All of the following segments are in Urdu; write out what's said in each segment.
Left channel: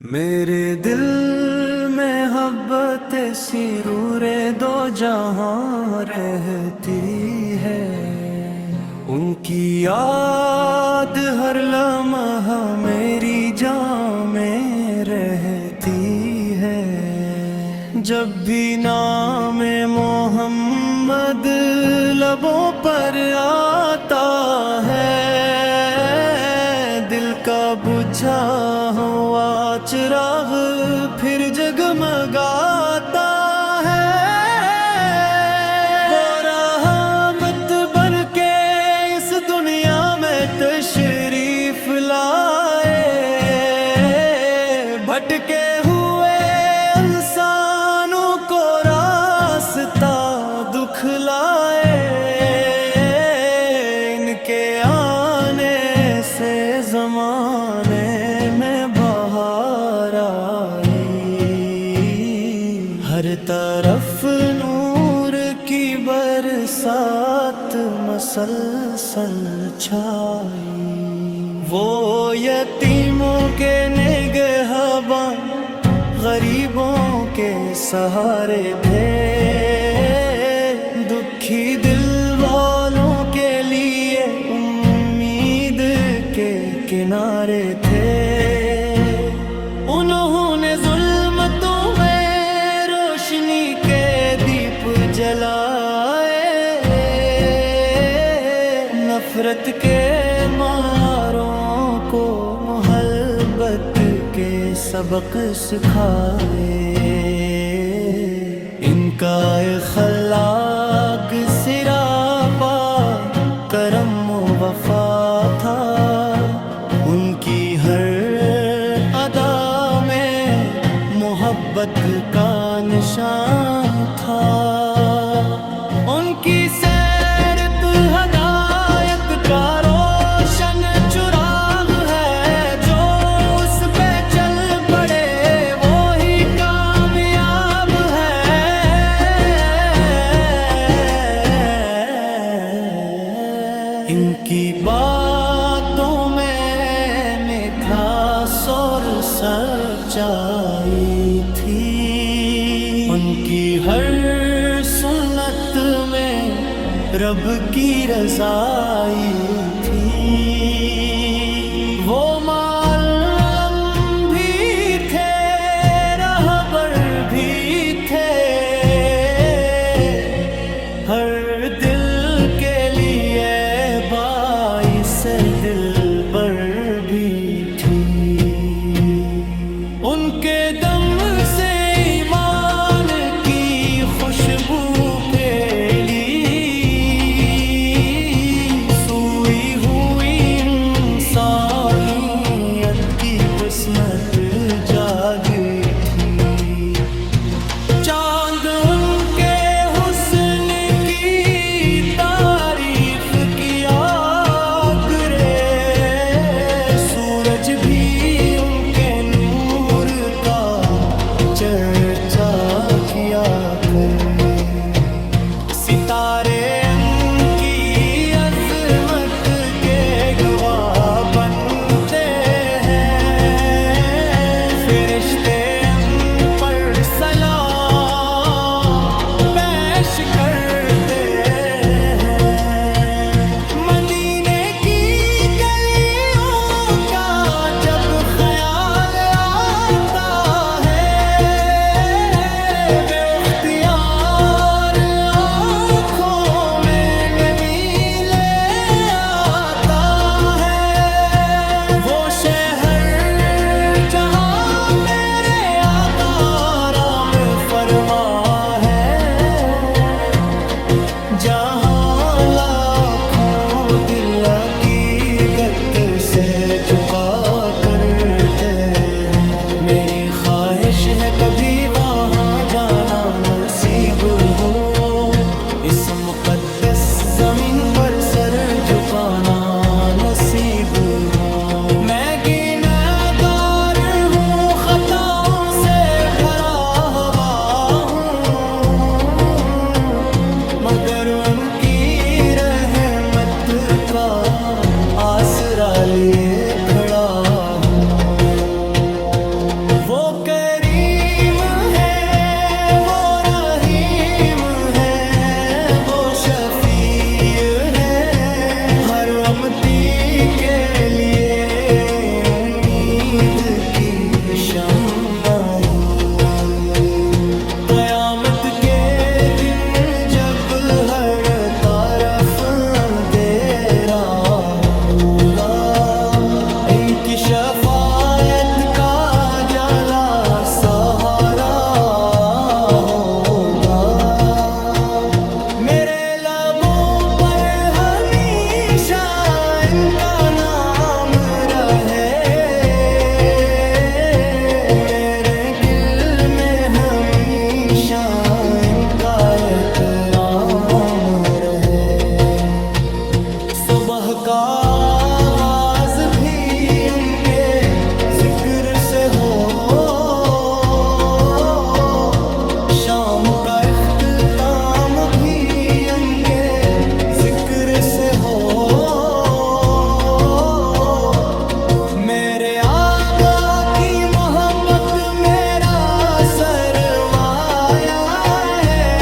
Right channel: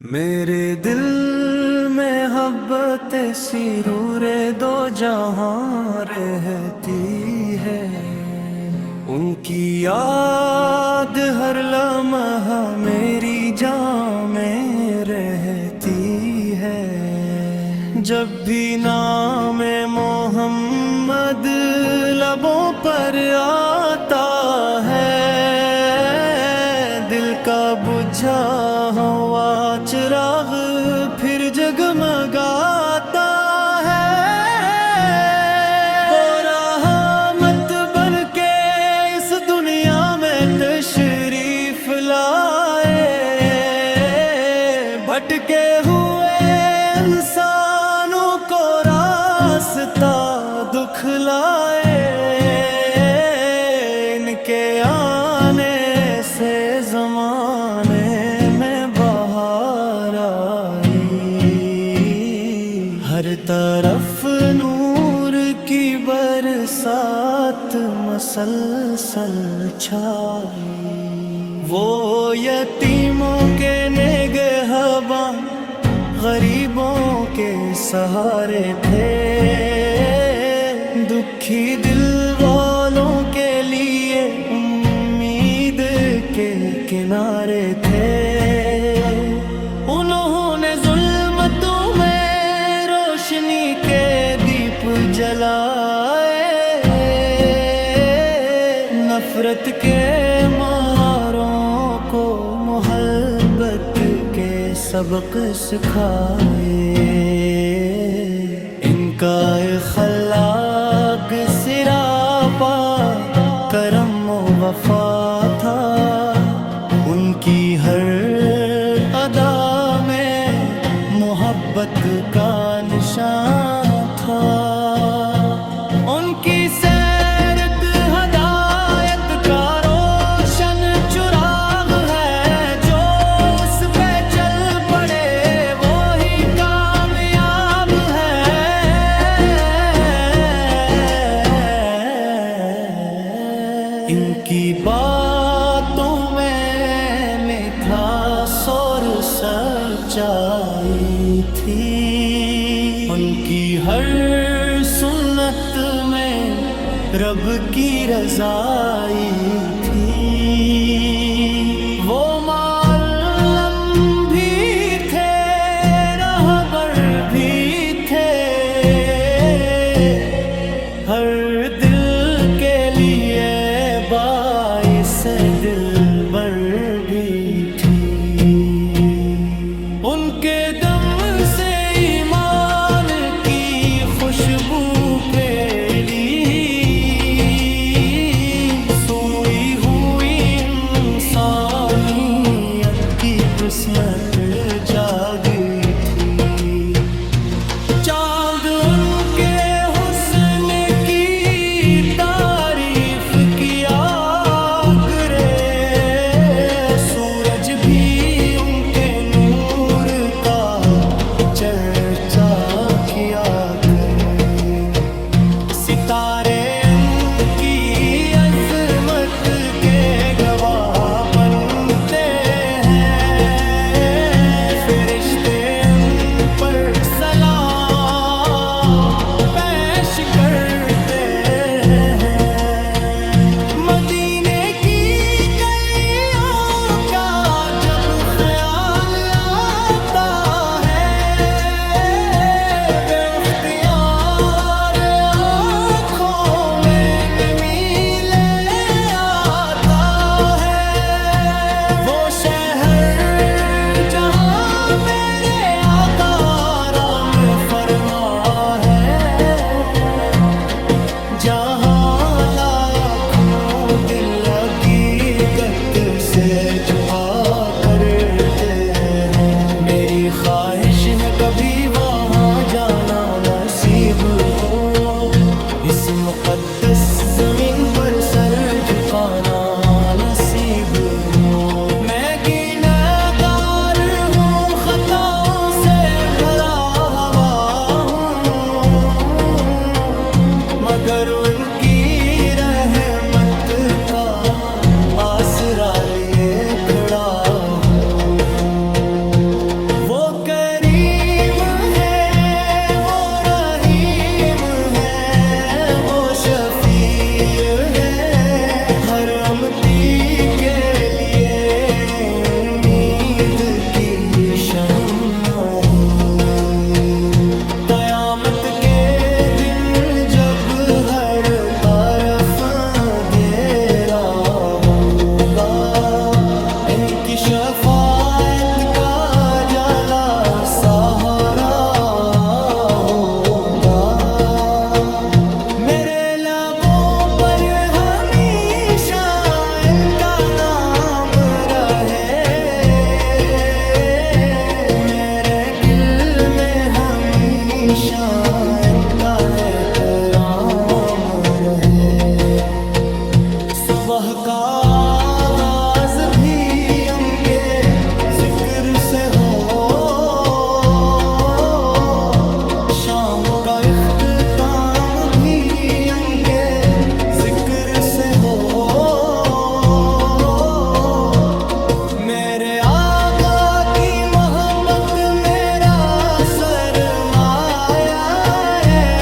میرے دل میں محبت سرور دو جہاں رہتی ہے، ان کی یاد ہر لمحہ میری جان میں رہتی ہے۔ جب بھی نام محمد لبوں پر آتا ہے، دل کا بجھا ہوا چراغ پھر جگمگاتا ہے۔ وہ رحمت بن کے اس دنیا میں تشریف لائے، بھٹکے ہوئے انسانوں کو راستہ دکھلائے۔ ان کے آنے سے زمانے میں بہار آئی، ہر طرف نور کی برسات مسلسل چھائی۔ وہ یتیموں کے نگہباں، غریبوں کے سہارے تھے، دکھی دل والوں کے لیے امید کے کنارے تھے۔ انہوں نے ظلمتوں میں روشنی کے دیپ جلائے، نفرت کے ماروں کو محبت کے سبق سکھائے۔ ان کا اخلاق سراپا کرم و وفا تھا، ان کی ہر ادا میں محبت کا نشان تھا۔ ان کی سیرت ہدایت کا روشن چراغ ہے، جو اس پہ چل پڑے وہی کامیاب ہے۔ ان کی باتوں میں میٹھا سور سچائی تھی، ان کی ہر سنت میں رب کی رضائی تھی۔ وہ معلم بھی تھے، رہبر بھی تھے، ہر دل کے لیے باعث دلبر بھی تھی۔ ان کے دم سے ایمان کی خوشبو پھیلی، سوئی ہوئی انسانیت کی قسمت جاگی تھی۔ چاند ان کے حسن کی تعریف کیا کرے، سورج بھی ان کے نور کا چرچا کیا کرے۔ ستارے ان کی عظمت کے گواہ بنتے ہیں، فرشتے ان پر سلام پیش کرتے ہیں۔ مدینے کی گلیوں کا جب خیال آتا ہے، بے اختیار آنکھوں میں نمی لے آتا ہے۔ وہ شہر جہاں میرے آقا آرام فرما ہے، جہاں لاکھوں دل حقیقت سے جھکا کرتے ہیں۔ میری خواہش ہے کبھی وہاں جانا نصیب ہو، اس مقدس زمین پر سر جھکانا نصیب ہو۔ میں گنہگار ہوں، خطاؤں سے بھرا ہوا ہوں، مگر ان کی رحمت کا آسرا لیے کھڑا ہوں۔ وہ کریم ہے، وہ رحیم ہے، وہ شفیع ہے، ہر امتی کے لیے امید کی شمع ہی۔ قیامت کے دن جب ہر طرف اندھیرا ہوگا، ان کی شفاعت کا جلا سہارا ہوگا۔ میرے لبوں پر ہمیشہ ان کا نام رہے، میرے دل میں ہمیشہ ان کا احترام رہے۔ صبح کا آغاز بھی ان کے ذکر سے ہو، شام کا اختتام بھی ان کے ذکر سے ہو۔ میرے آقا کی محبت میرا سرمایہ ہے،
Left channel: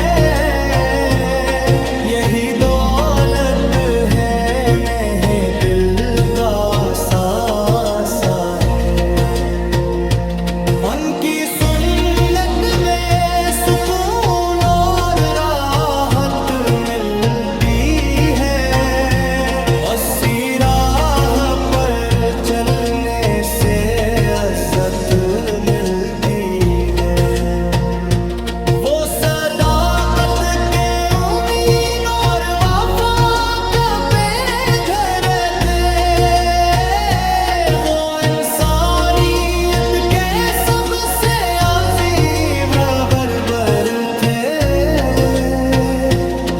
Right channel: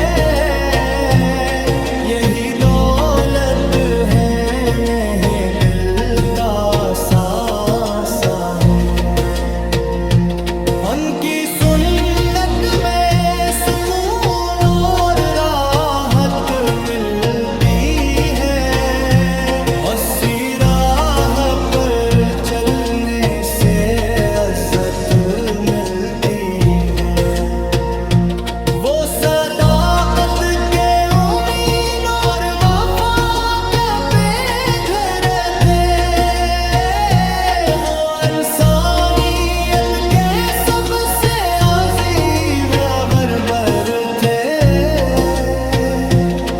یہی دولت ہے، میرے دل کا ساسا ہے۔ ان کی سنت میں سکون اور راحت ملتی ہے، اسی راہ پر چلنے سے عزت ملتی ہے۔ وہ صداقت کے امین اور وفا کے پیغمبر تھے، وہ انسانیت کے سب سے عظیم بربر تھے۔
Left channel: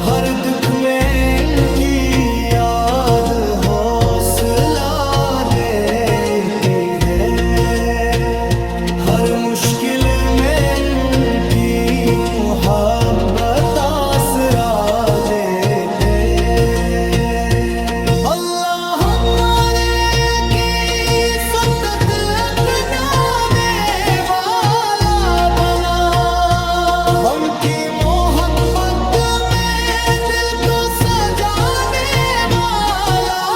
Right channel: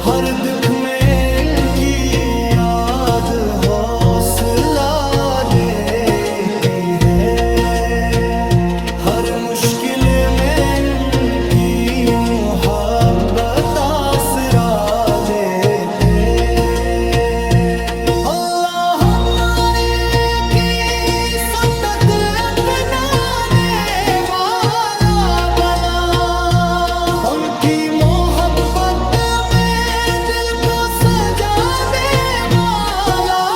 ہر دکھ میں ان کی یاد حوصلہ دیتی ہے، ہر مشکل میں ان کی محبت آسرا دیتے۔ اللہ ہمارے کی سدت اپنانے والا بنا، ان کی محبت میں دل کو سجانے والا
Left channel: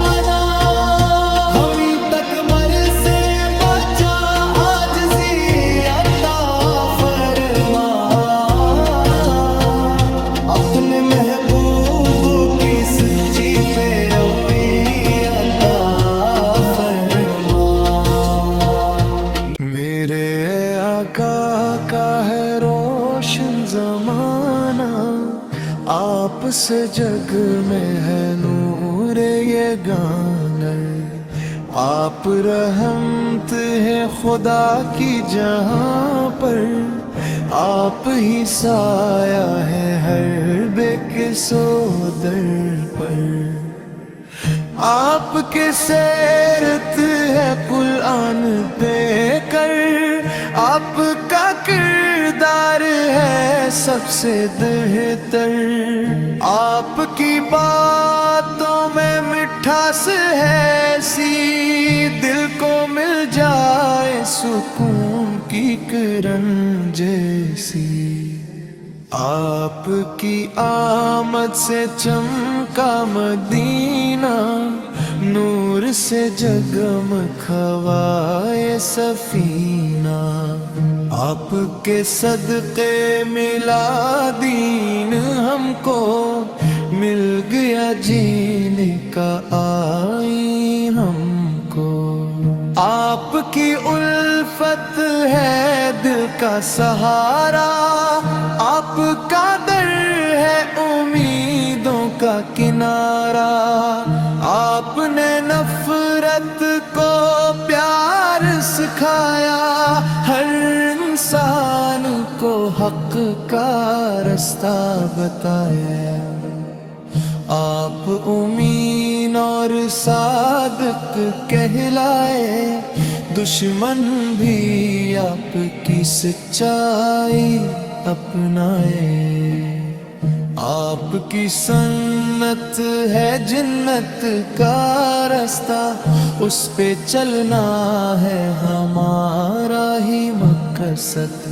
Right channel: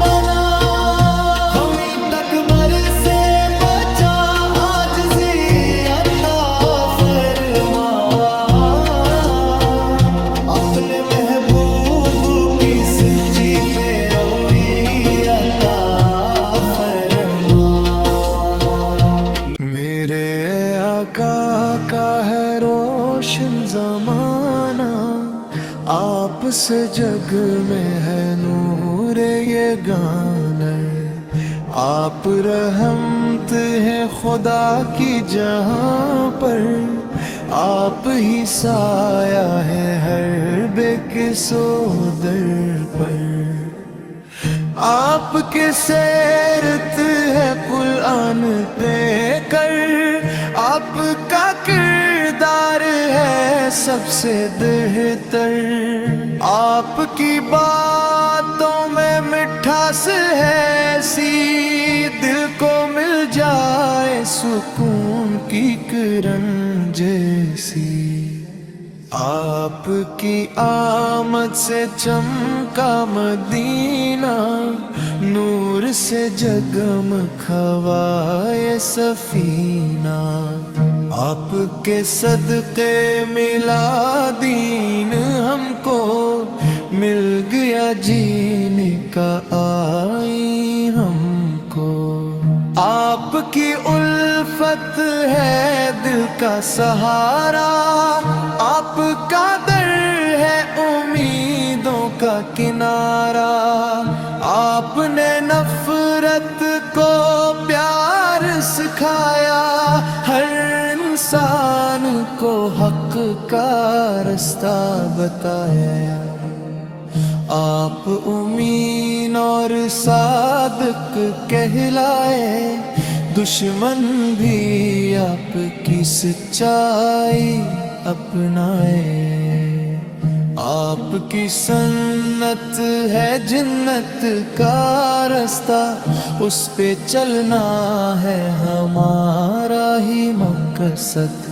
بنا، ہمیں تکبر سے بچا، عاجزی عطا فرما، اپنے محبوب کی سچی پیروی عطا فرما۔ میرے آقا کا ہے روشن زمانہ، آپ سے جگ میں ہے نور یہ گانا، آپ رحمت ہے خدا کی جہاں پر، آپ ہی سایہ ہے ہر بے کسو در پر، آپ کے سیرت ہے قرآن پہ کر، آپ کا کردار ہے سب سے بہتر، آپ کی باتوں میں مٹھاس ہے ایسی، دل کو مل جائے سکون کی کرن جیسی۔ آپ کی آمد سے چمکا مدینہ، نور سے جگمگائے سفینہ، آپ کے صدقے ملا دین ہم کو، مل گیا جینے کا آئین ہم کو۔ آپ کی الفت ہے دل کا سہارا، آپ کا در ہے امیدوں کا کنارہ، آپ نے نفرت کو پیار سکھایا، ہر انسان کو حق کا رستہ بتایا۔ آپ امین اور صادق کہلائے، دشمن بھی آپ کی سچائی اپنائے۔ آپ کی سنت ہے جنت کا راستہ، اس پہ چلنا ہے ہمارا ہی مقصد۔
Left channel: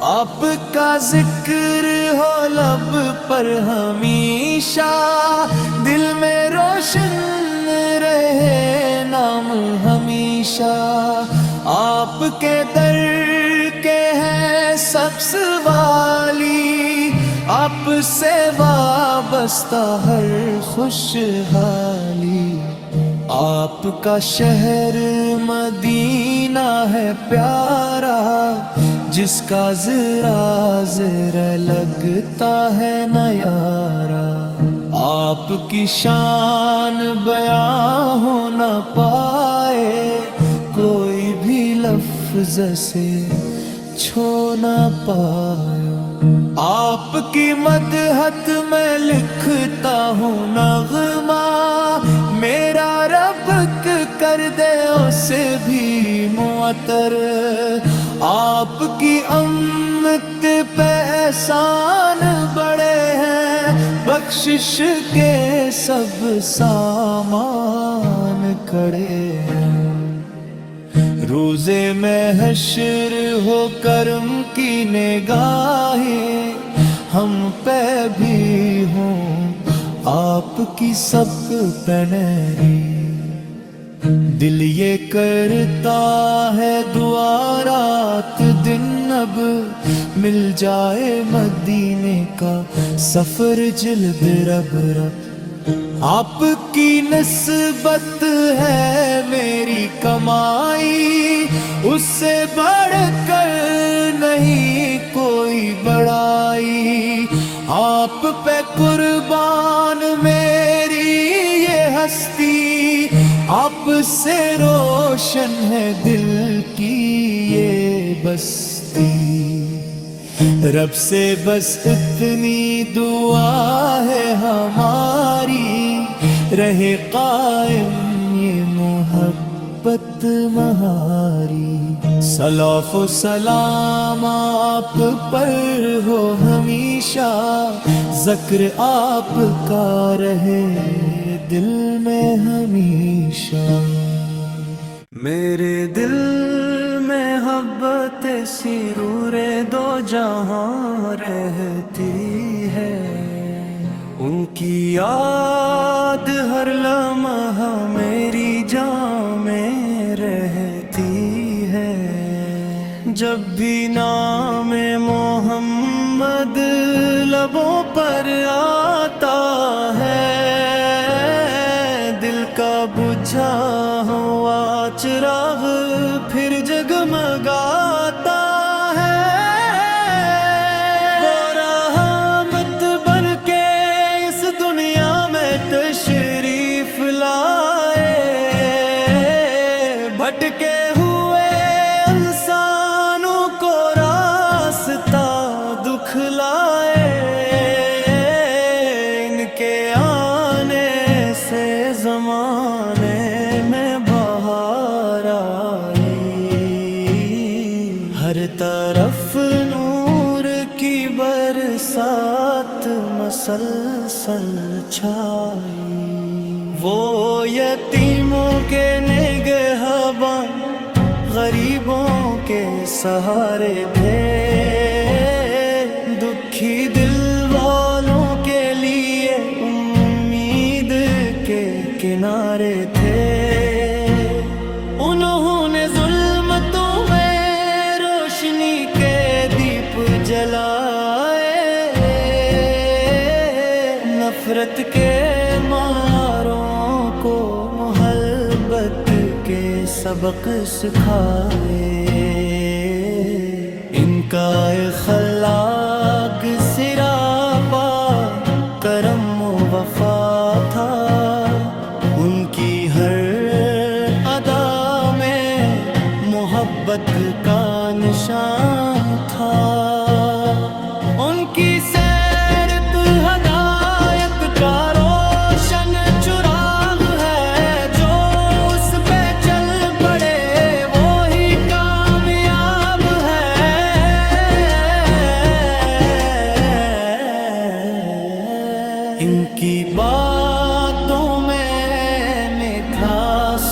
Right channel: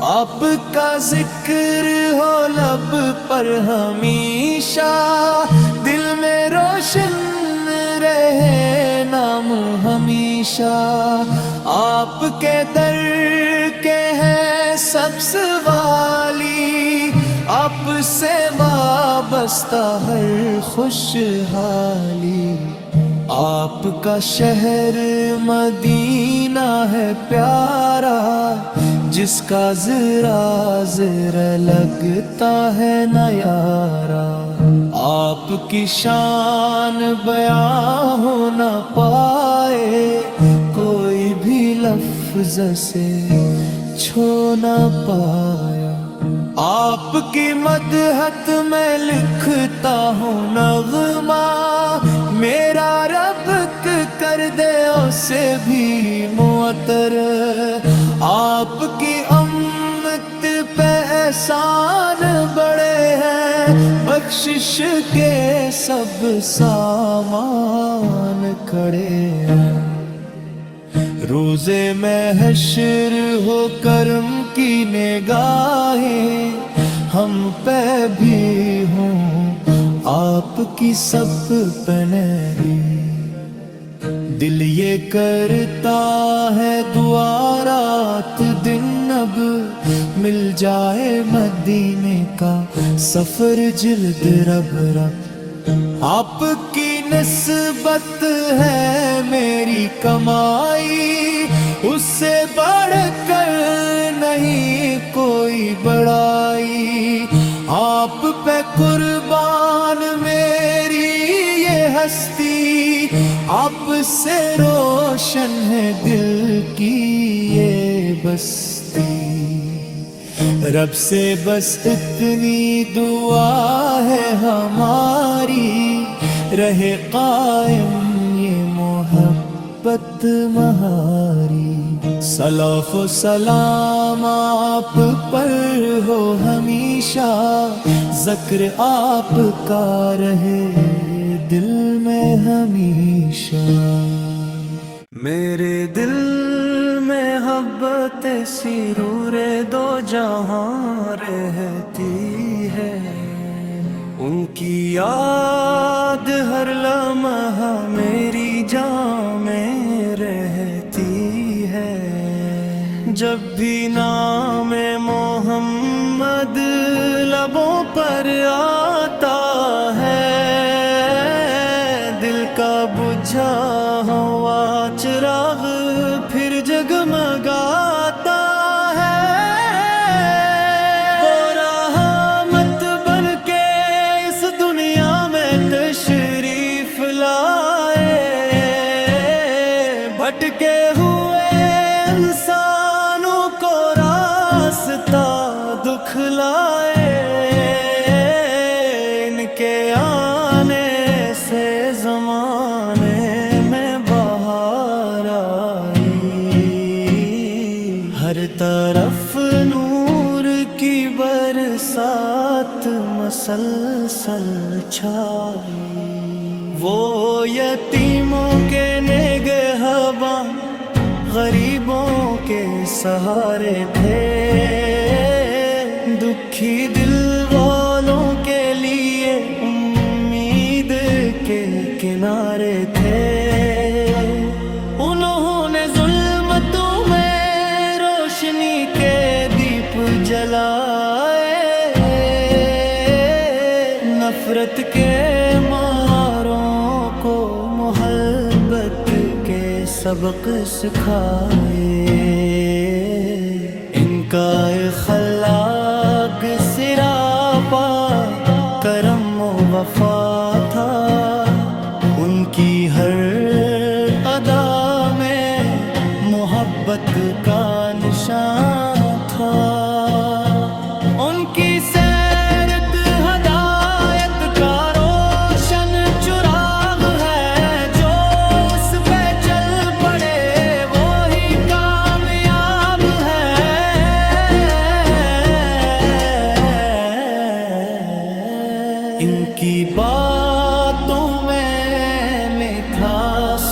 آپ کا ذکر ہو لب پر ہمیشہ، دل میں روشن رہے نام ہمیشہ۔ آپ کے در کے ہیں سب سوالی، آپ سے وابستہ ہر خوشحالی۔ آپ کا شہر مدینہ ہے پیارا، جس کا ذرا ذرا لگتا ہے نیارا۔ آپ کی شان بیاں ہو نہ پائے، کوئی بھی لفظ سے چھو نہ پایا۔ آپ کی مدحت میں لکھتا ہوں نغمہ، میرا رب کر دے اسے بھی معطر۔ آپ کی امت پہ احسان بڑے ہیں، بخشش کے سب سامان کھڑے ہیں۔ روزے میں حشر ہو کرم کی نگاہیں، ہم پہ بھی ہوں آپ کی سب پہ نہری۔ دل یہ کرتا ہے دعا رات دن، اب مل جائے مدینے کا سفر جلد رب رب۔ آپ کی نسبت ہے میری کمائی، اس سے بڑھ کر نہیں کوئی بڑائی۔ آپ پہ قربان میری یہ ہستی، آپ سے روشن ہے دل کی یہ بستی۔ رب سے بس اتنی دعا ہے ہماری، رہے قائم یہ محبت مہاری۔ صلاۃ و سلام آپ پر ہو ہمیشہ، ذکر آپ کا رہے دل میں ہمیشہ۔ میرے دل میں محبت سرور دو جہاں رہتی ہے، ان کی یاد ہر لمحہ میری جان میں رہتی ہے۔ جب بھی نام محمد لبوں پر آتا ہے، دل کا بجھا ہوا چراغ پھر جگمگاتا ہے۔ وہ رحمت بن کے اس دنیا میں تشریف لائے، بھٹکے ہوئے انسانوں کو راستہ دکھلائے۔ ان کے آنے سے زمانے میں بہار آئی، ہر طرف نور کی برسات مسلسل چھائی۔ وہ یتیموں کے نگہبان، غریبوں کے سہارے تھے، دکھی دل والوں کے لیے امید کے کنارے تھے۔ انہوں نے ظلمتوں میں روشنی کے دیپ جلائے، نفرت کے ماروں کو محبت کے سبق سکھائے۔ ان کا اخلاق سراپا کرم و وفا تھا، ان کی ہر ادا میں محبت کا نشان تھا۔ ان کی سیرت ہدایت کا روشن چراغ ہے، جو اس پہ چل پڑے وہی کامیاب ہے۔ کی باتوں میں میٹھا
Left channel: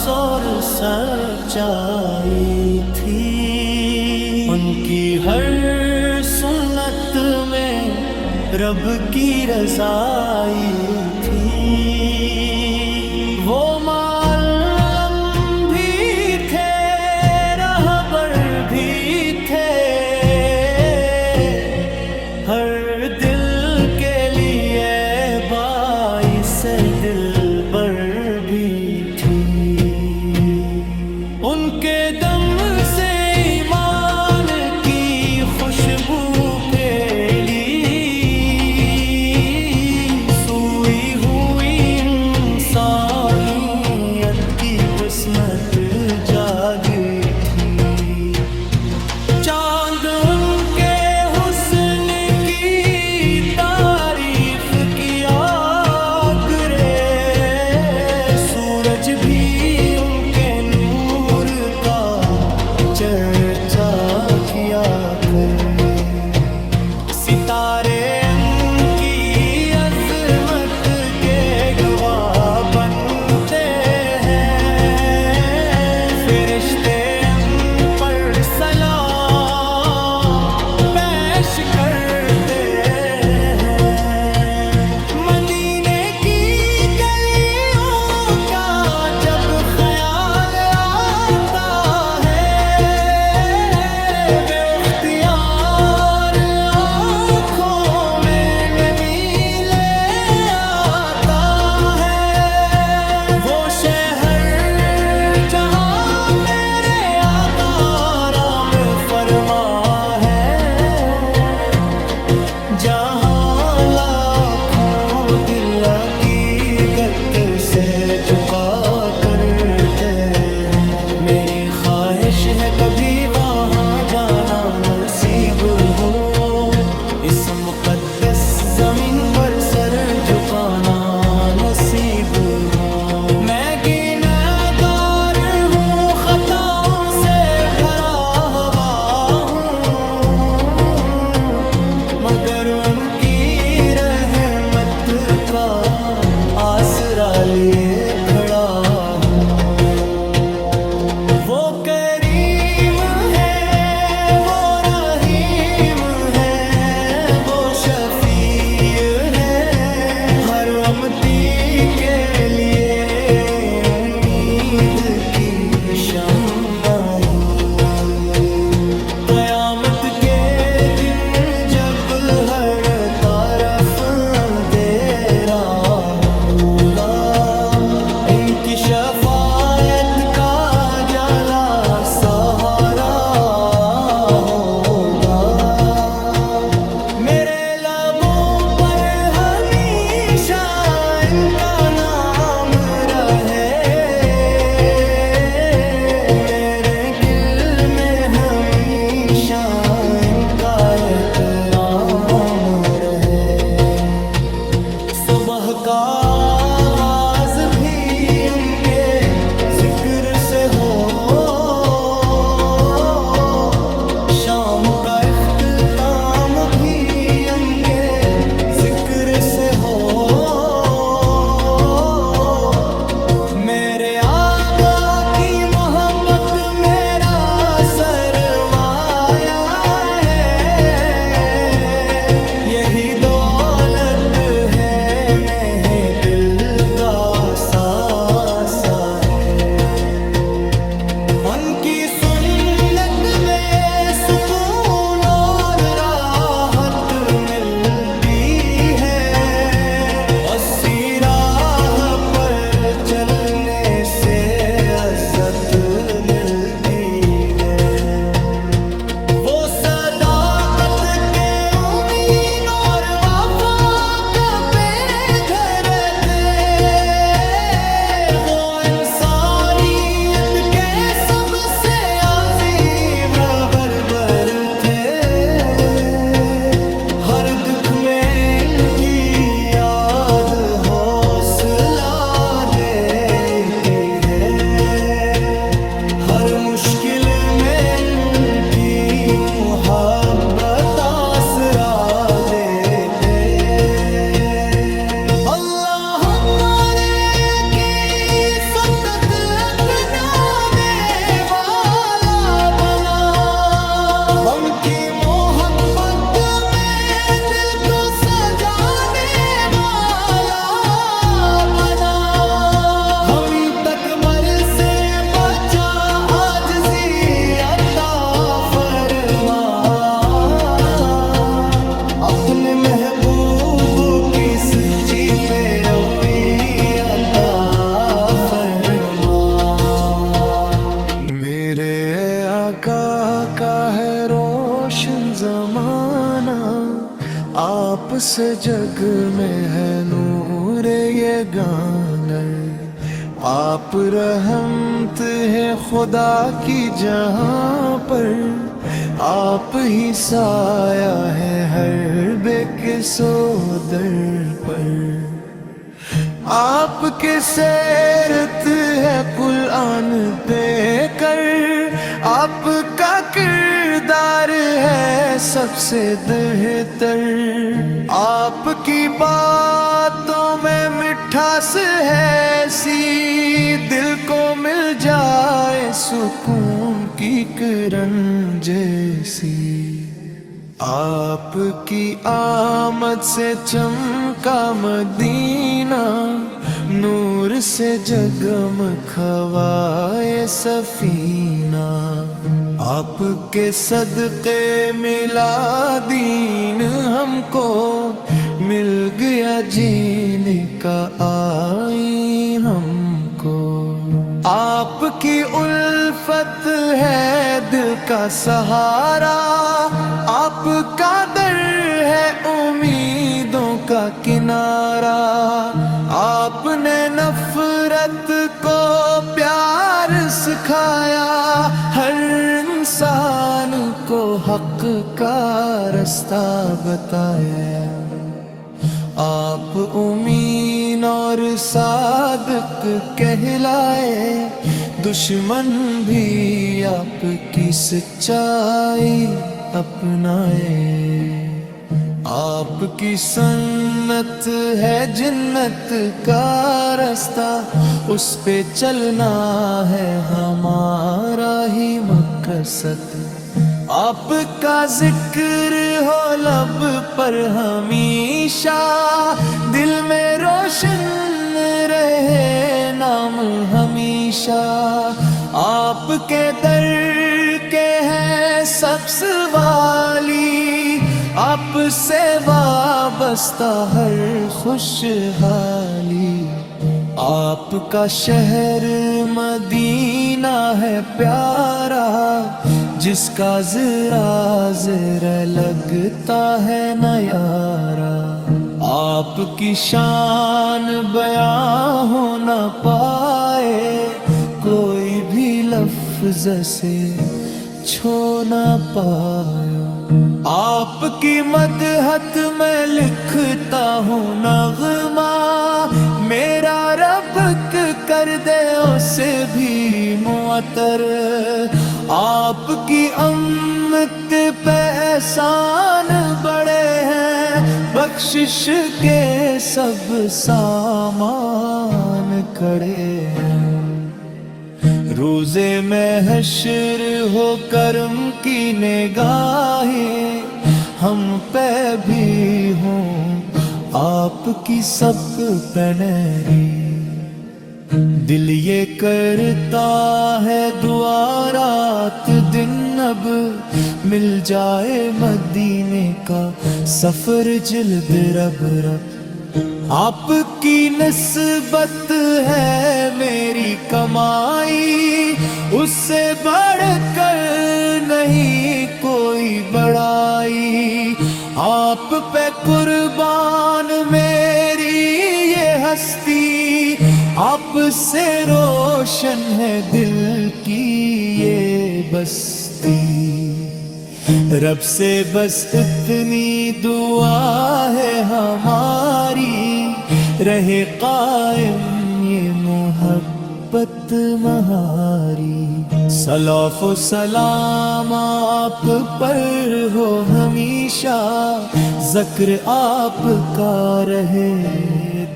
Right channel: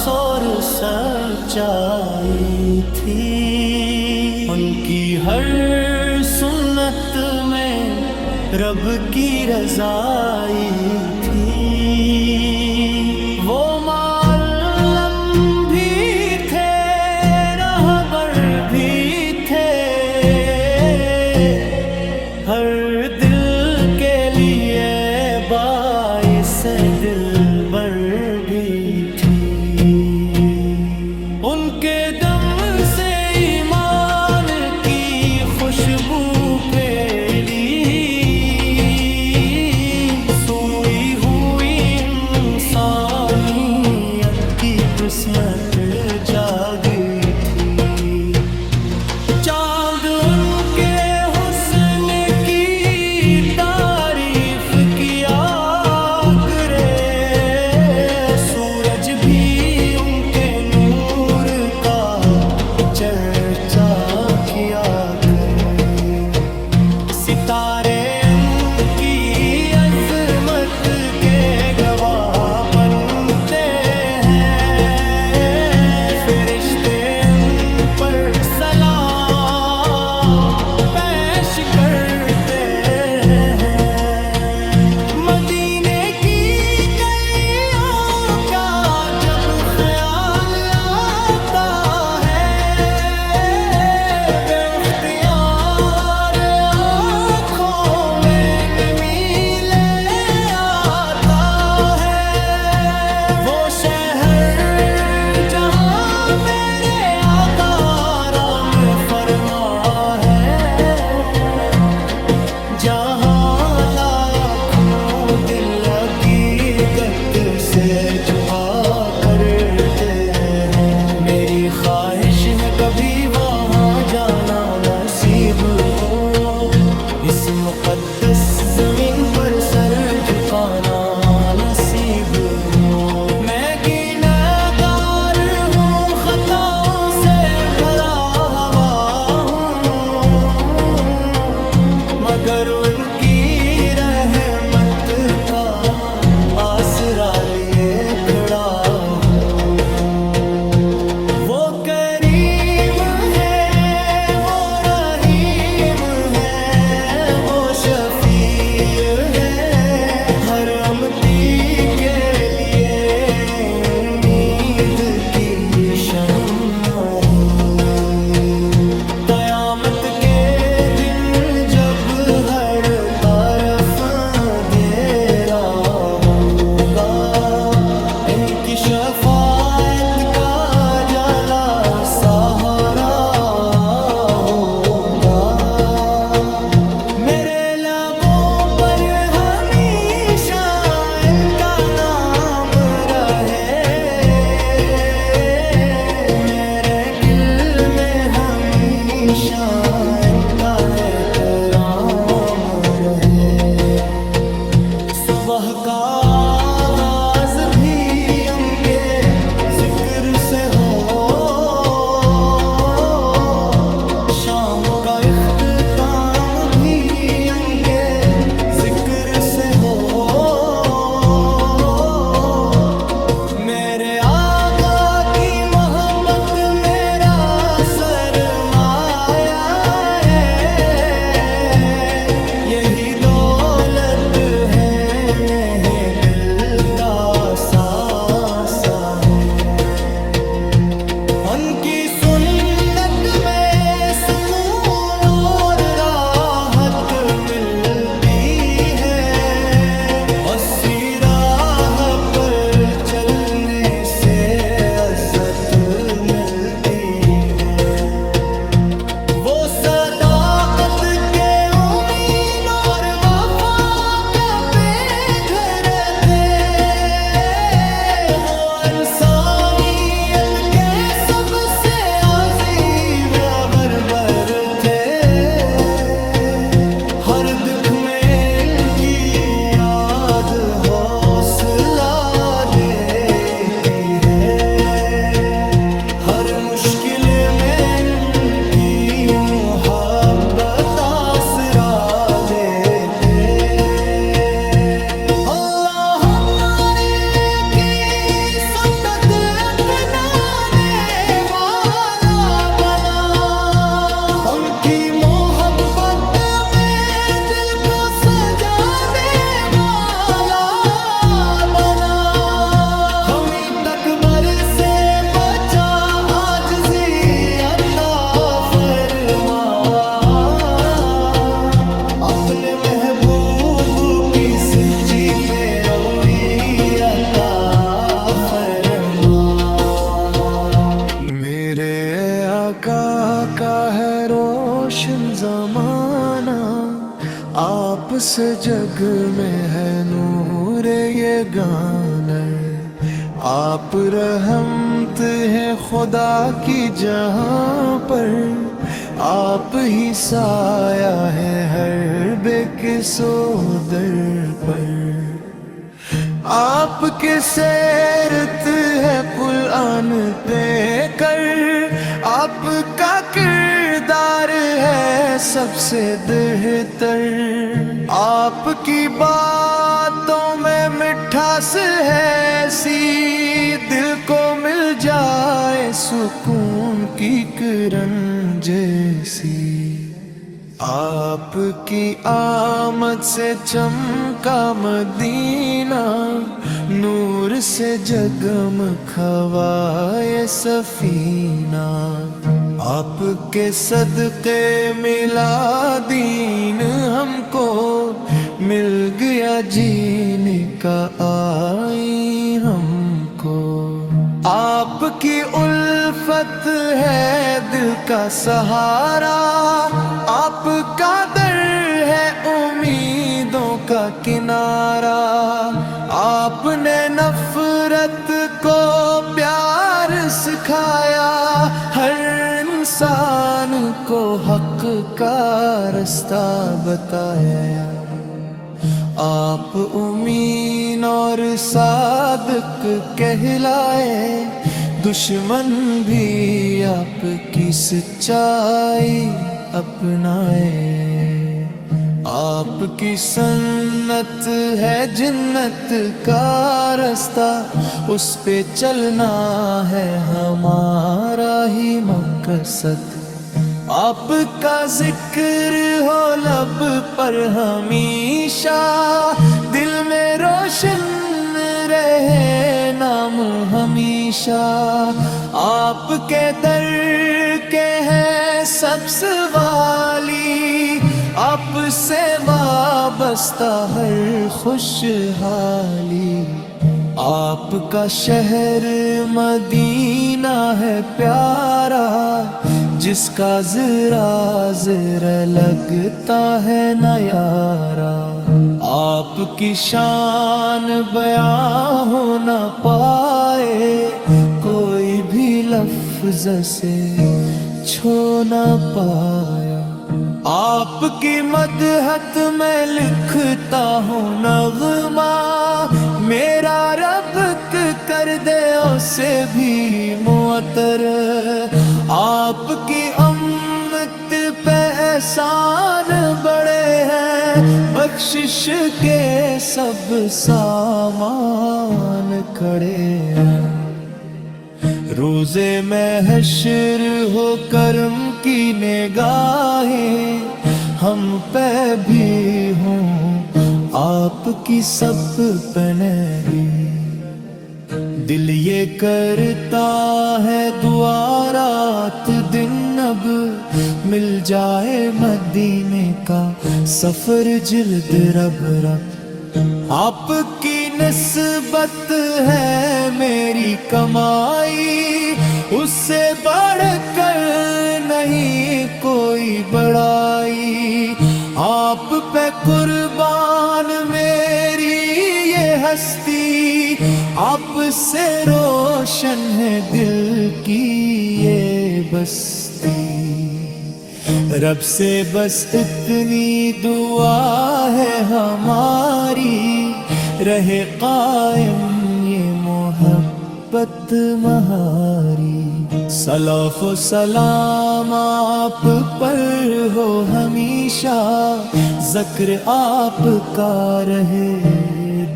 اور سچائی تھی، ان کی ہر سنت میں رب کی رضائی تھی۔ وہ معلم بھی تھے، رہبر بھی تھے، ہر دل کے لیے باعث دلبر بھی تھی۔ ان کے دم سے ایمان کی خوشبو پھیلی، سوئی ہوئی انسانیت کی قسمت جاگی تھی۔ چاند ان کے حسن کی تعریف کیا کرے، سورج بھی ان کے نور کا چرچا کیا کرے، ستارے ان کی عظمت کے گواہ بنتے ہیں، فرشتے ان پر سلام پیش کرتے ہیں۔ مدینے کی گلیوں کا جب خیال آتا ہے، بے اختیار آنکھوں میں نمی لے آتا ہے۔ وہ شہر جہاں میرے آقا آرام فرما ہے، جہاں لاکھوں دل حقیقت سے جھکا کرتے ہیں۔ میری خواہش ہے کبھی وہاں جانا نصیب ہو، اس مقدس زمین پر سر جھکانا نصیب ہو۔ میں گنہگار ہوں، خطاؤں سے بھرا ہوا ہوں، مگر ان کی رحمت کا آسرا لیے کھڑا ہوں۔ وہ کریم ہے، وہ رحیم ہے، وہ شفیع ہے، ہر امتی کے لیے امید کی شمع ہے۔ قیامت کے دن جب ہر طرف اندھیرا ہوگا، ان کی شفاعت کا جلا سہارا ہوگا۔ میرے لبوں پر ہمیشہ ان کا نام رہے، میرے دل میں ہمیشہ ان کا احترام رہے۔ صبح کا آغاز بھی ان کے ذکر سے ہو، شام کا اختتام بھی ان کے ذکر سے ہو۔ میرے آقا کی محبت میرا سرمایہ ہے، یہی دولت ہے میرے دل کا ساسا ہے۔ ان کی سنت میں سکون اور راحت ملتی ہے، اور کا ہے روشن زمانہ، آپ سے جگ میں ہے نور یہ گانا، آپ رحمت ہے خدا کی جہاں پر، آپ ہی سایہ ہے ہر بے کسو در پر، آپ کی سیرت ہے قرآن پہ کر، آپ کا کردار ہے سب سے بہتر، آپ کی باتوں میں مٹھاس ہے ایسی، دل کو مل جائے سکون کی کرن جیسی، آپ کی آمد سے چمکا مدینہ، نور سے جگمگائے سفینہ، آپ کے صدقے ملا دین ہم کو، مل گیا جینے کا آئین ہم کو، آپ کی الفت ہے دل کا سہارا، آپ کا در ہے امیدوں کا کنارہ، آپ نے نفرت کو پیار سکھایا، ہر انسان کو حق کا رستہ بتایا، آپ امین اور صادق کہلائے، دشمن بھی آپ کی سچائی اپنائے، آپ کی سنت ہے جنت کا رستہ، اس پہ چلنا ہے ہمارا ہی مقصد، آپ کا ذکر ہو لب پر ہمیشہ، دل میں روشن رہے نام ہمیشہ، آپ کے در کے ہیں سب سوالی، آپ سے وابستہ ہر خوشحالی، آپ کا شہر مدینہ ہے پیارا، جس کا ذرا ذرا لگتا ہے نیارا، آپ کی شان بیاں ہو نہ پائے، کوئی بھی لفظ سے چھو نہ پایا، آپ کی مدحت میں لکھتا ہوں نغمہ، میرا رب کر دے اسے بھی معطر، آپ کی امت پہ احسان بڑے ہیں، بخشش کے سب سامان کھڑے ہیں، روز محشر ہو کرم کی نگاہیں، ہم پہ بھی ہوں آپ کی سب پہ نہری، دل یہ کرتا ہے دعا رات دن، اب مل جائے مدینے کا سفر جلد رب رب، آپ کی نسبت ہے میری کمائی، اس سے بڑھ کر نہیں کوئی بڑائی، آپ پہ قربان میری یہ ہستی، آپ سے روشن ہے دل کی یہ بستی، رب سے بس اتنی دعا ہے ہماری، رہے قائم یہ محبت مہاری، صلاۃ و سلام آپ پر ہو ہمیشہ، ذکر آپ کا رہے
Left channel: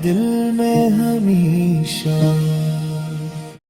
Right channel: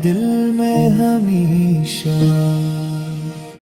دل میں ہمیشہ۔